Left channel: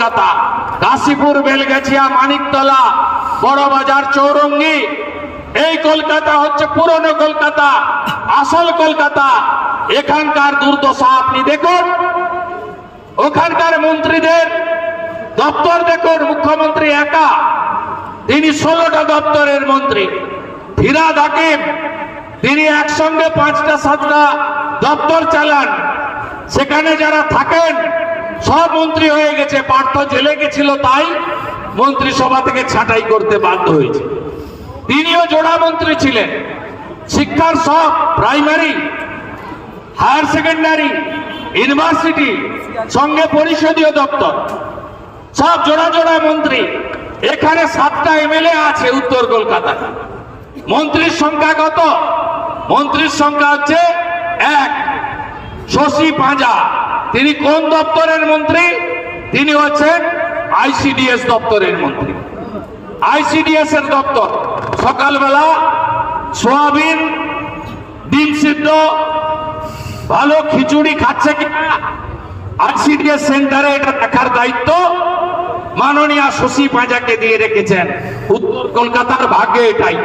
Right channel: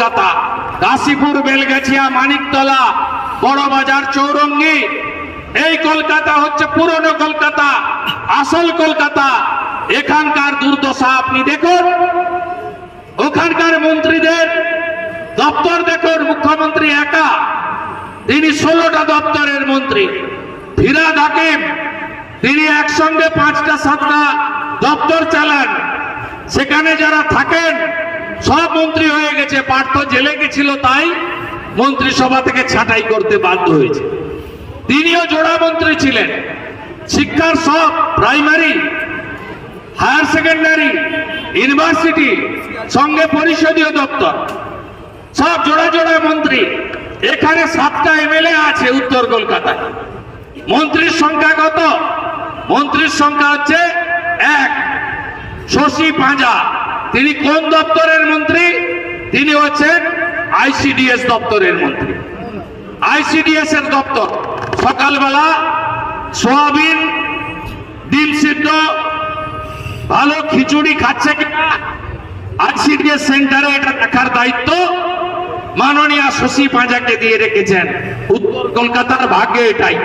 কলকাতা কাশীপুর বেলগাছিয়া, মানিকতলা বড়বাজার চৌরঙ্গি। এই কলকাতা হচ্ছে পুরনো কলকাতা, আসল কলকাতা। এখানকার দুর্দশা আপনি দেখুন। ওখানকার মন্ত্রীদের দপ্তর দেখুন, মুখ্যমন্ত্রী একা। তিনি ষোলোটা দপ্তরের মন্ত্রী। ফিরাদ হাকিম, তিনি একসঙ্গে পাঁচটা, সাতটা দপ্তর চালান। সেখানে যারা থাকেন, সব মন্ত্রী গেছে, পার্থ জেলে গেছিল তাই মন্ত্রিসভা থেকে ছাঁটাই করতে বাধ্য হয়েছে। তিনিও জোড়া মন্ত্রী ছিলেন। শিক্ষার সব, প্রাইমারি, হায়ার সেকেন্ডারি, ইউনিভার্সিটি, সঙ্গে পরিষদীয় দপ্তর, সব জোড়া জোড়া মন্ত্রী। এখানে সাতটা এমএলএ আছে উত্তর কলকাতায়। মন্ত্রীর সংখ্যা কত? মন্ত্রীর সংখ্যা হচ্ছে এক। শশী পাঁজা। তিনি কোন দপ্তরের মন্ত্রী? তিনি হচ্ছেন আইসিডিএস দপ্তরের মন্ত্রী। আইসিডিএস এর দপ্তর সকালবেলা সোয়াবিন, ডিম সিদ্ধ, ভালো খিচুড়ি খাচ্ছে কিনা, আইসিডিএস সেন্টারে এটা দেখার দায়িত্ব মাননীয় শশী পাঁজাকে দিয়ে রেখেছেন। উত্তর কলকাতার ভাগ্যে এটাই।